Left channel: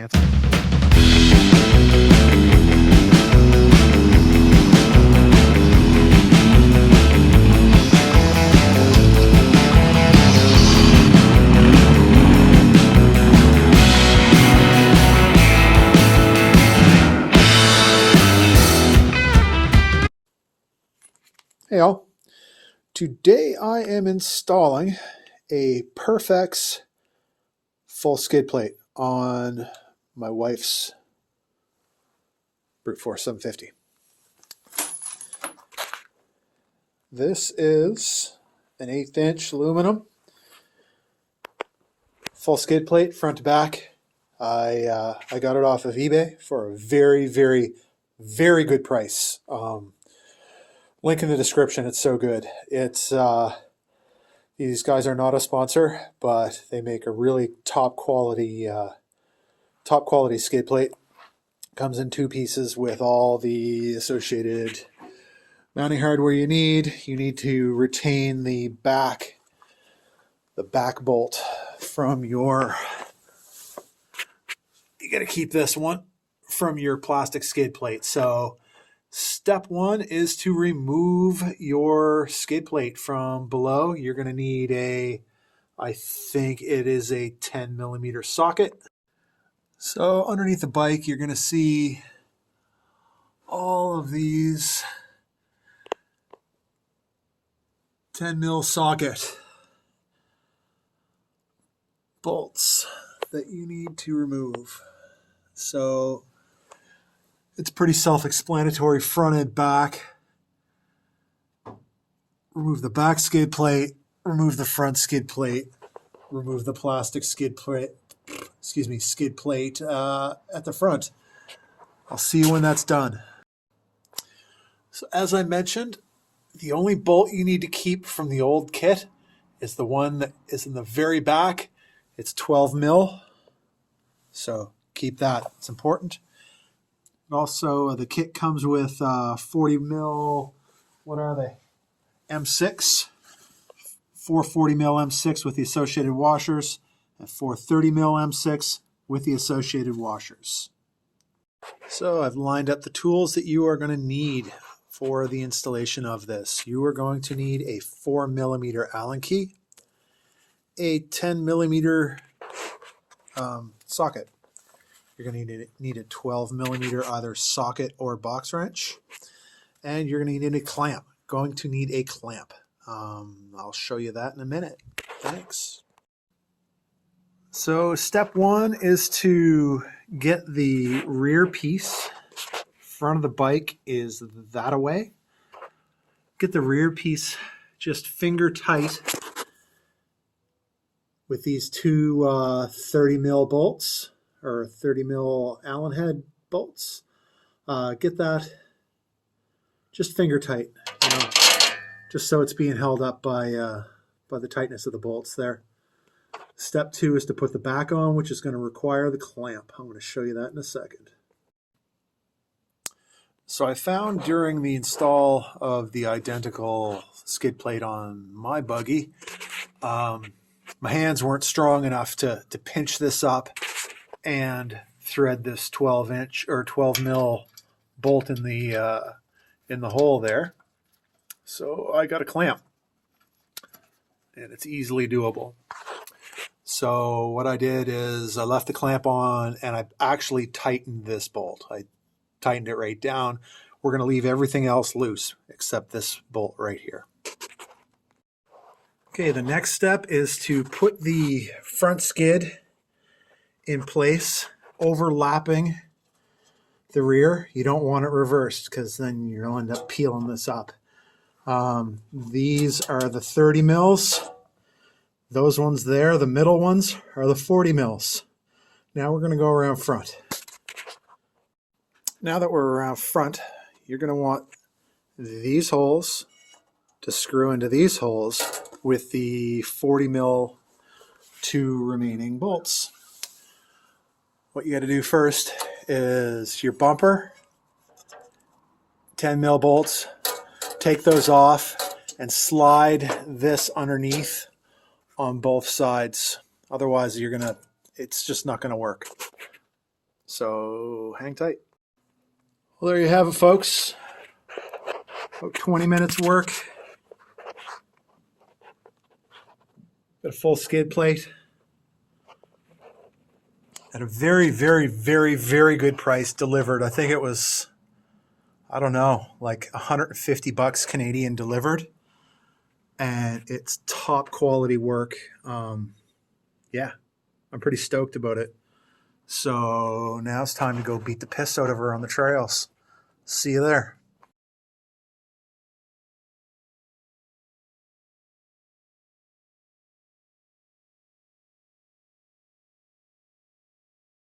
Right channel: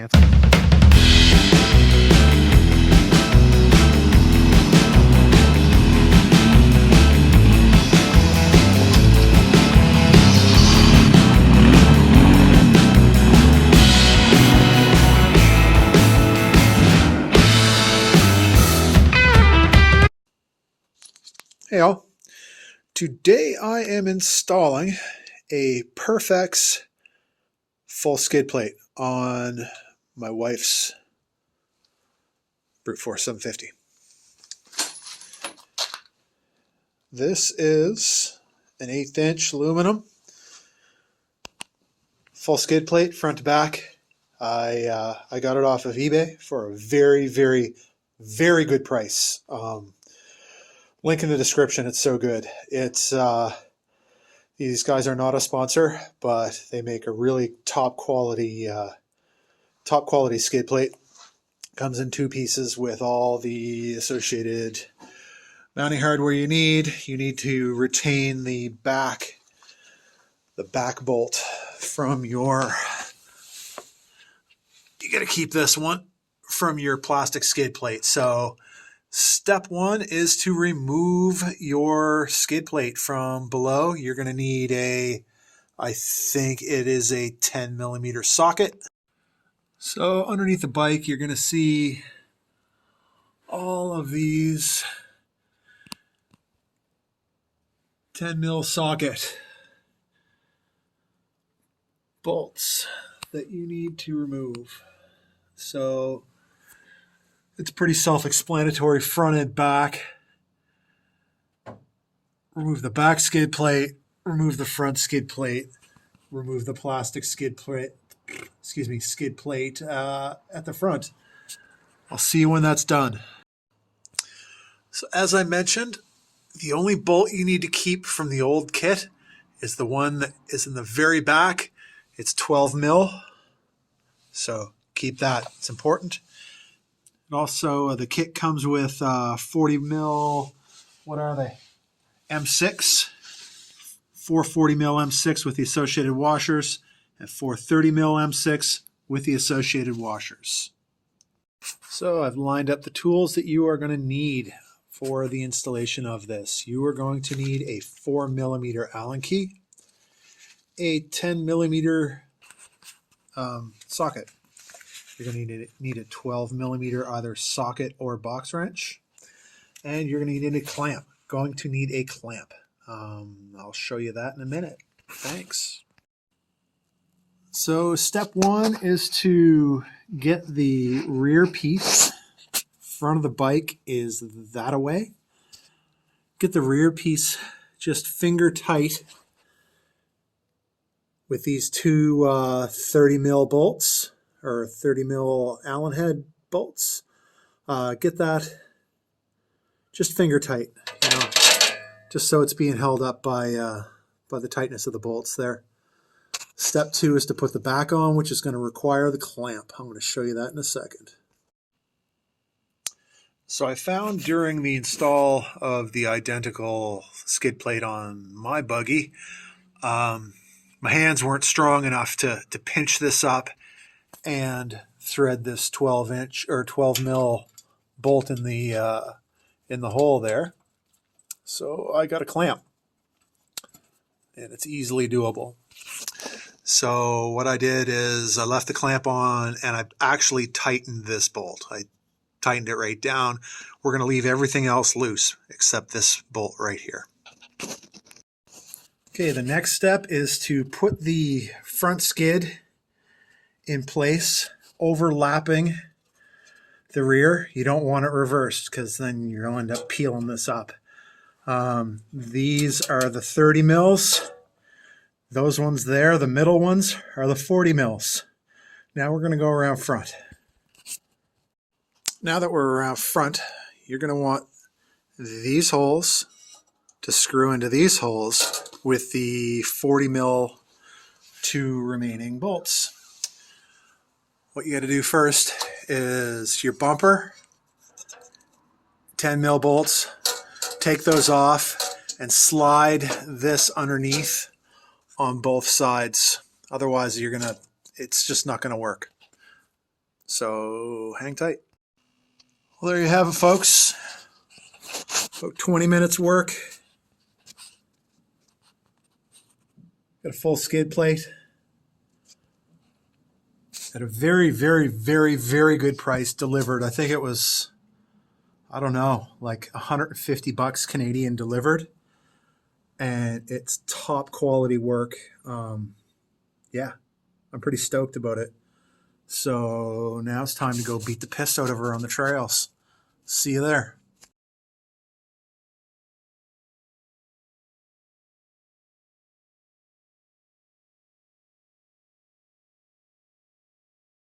Hey all, today I am installing a Perfex full skid plate on my wife's Bruteforce 750. This is an 1/8 inch aluminum full skid plate front to back. I got it off of eBay for a very, very, very good price. Link in the description. It's so good. It's these guys are not a sponsor, but they make a really top quality skid plate. Comes in 2 pieces with all the associated mounting hardware you need. You need to retain the back bolt from your. You got to keep this one from your plastic skid plate. So step 1 is to remove your skid plate from below. You're going to need I think it is a 10mm socket. So underneath the bike, you're going to see all of these 10mm socket bolts that you need to remove. So it's pretty self-explanatory, front and back. Remove the back skid plate, remove the front skid plate, remove the plastic skid plate at the front. I'll see you when that's done. So as I mentioned, the only bolt you need to keep from the old kit is the one that is in the very back. It's 12mm, so keep that. It's important. Also, the kit comes with 40mm, what are they? M6, 440mm M6 with the associated washers, and 430mm M6 with the associated washers. So I've lined up the tools that you are going to need for the installation of this. You are going to need a 4mm Allen key, a 10mm socket. You're going to need a 12mm either socket or box wrench, and you're going to need a clamp. Going to need a clamp. I'll show you that in a minute. Thanks. So step 1 is to get the rear piece. Front of the bike is that away. Get the rear piece just finger tight with these 2 30mm bolts, or 30mm Allen head bolts. Get that just finger tight, just so it's being held up by the tightness of the bolts there. Step 2 is to put the back on, which is going to require the clamp. I'm going to show you that in a second. So I found during the install of the identical skid plate on my buggy, my hands weren't strong enough to pinch this up and thread this 12-inch or 12mm bolt in the hole there. So I got a clamp, and it's easily doable. So what I did is I left the clamp on, and I actually tightened this bolt. I tightened it right down. We're going to leave everything else loose except this bolt right here. Okay, the next step is to put the front skid in place, overlapping the rear. You don't want it reversed because then you'll end up peeling this up. These are the 30mm. Those ones there, the middle ones, are the 40mm. Now we're going to go around front. Now that we're around front, you're going to want these holes to screw into these holes with the 40mm 2 remaining bolts. What you got to do first is your bumper, 10mm bolts, take those off and slide this underneath on both sides. Otherwise it's just not going to work. So hang tight. Well, there you have it, folks. About 20 minutes work. Got a full skid plate at a very, very, very, very good price delivered. I think it was, I don't know, like $150 Canadian delivered. And it's top quality work. Yeah, I'm pretty stoked about it. So now it's time to go beat the piss out of her on the trails. See you there.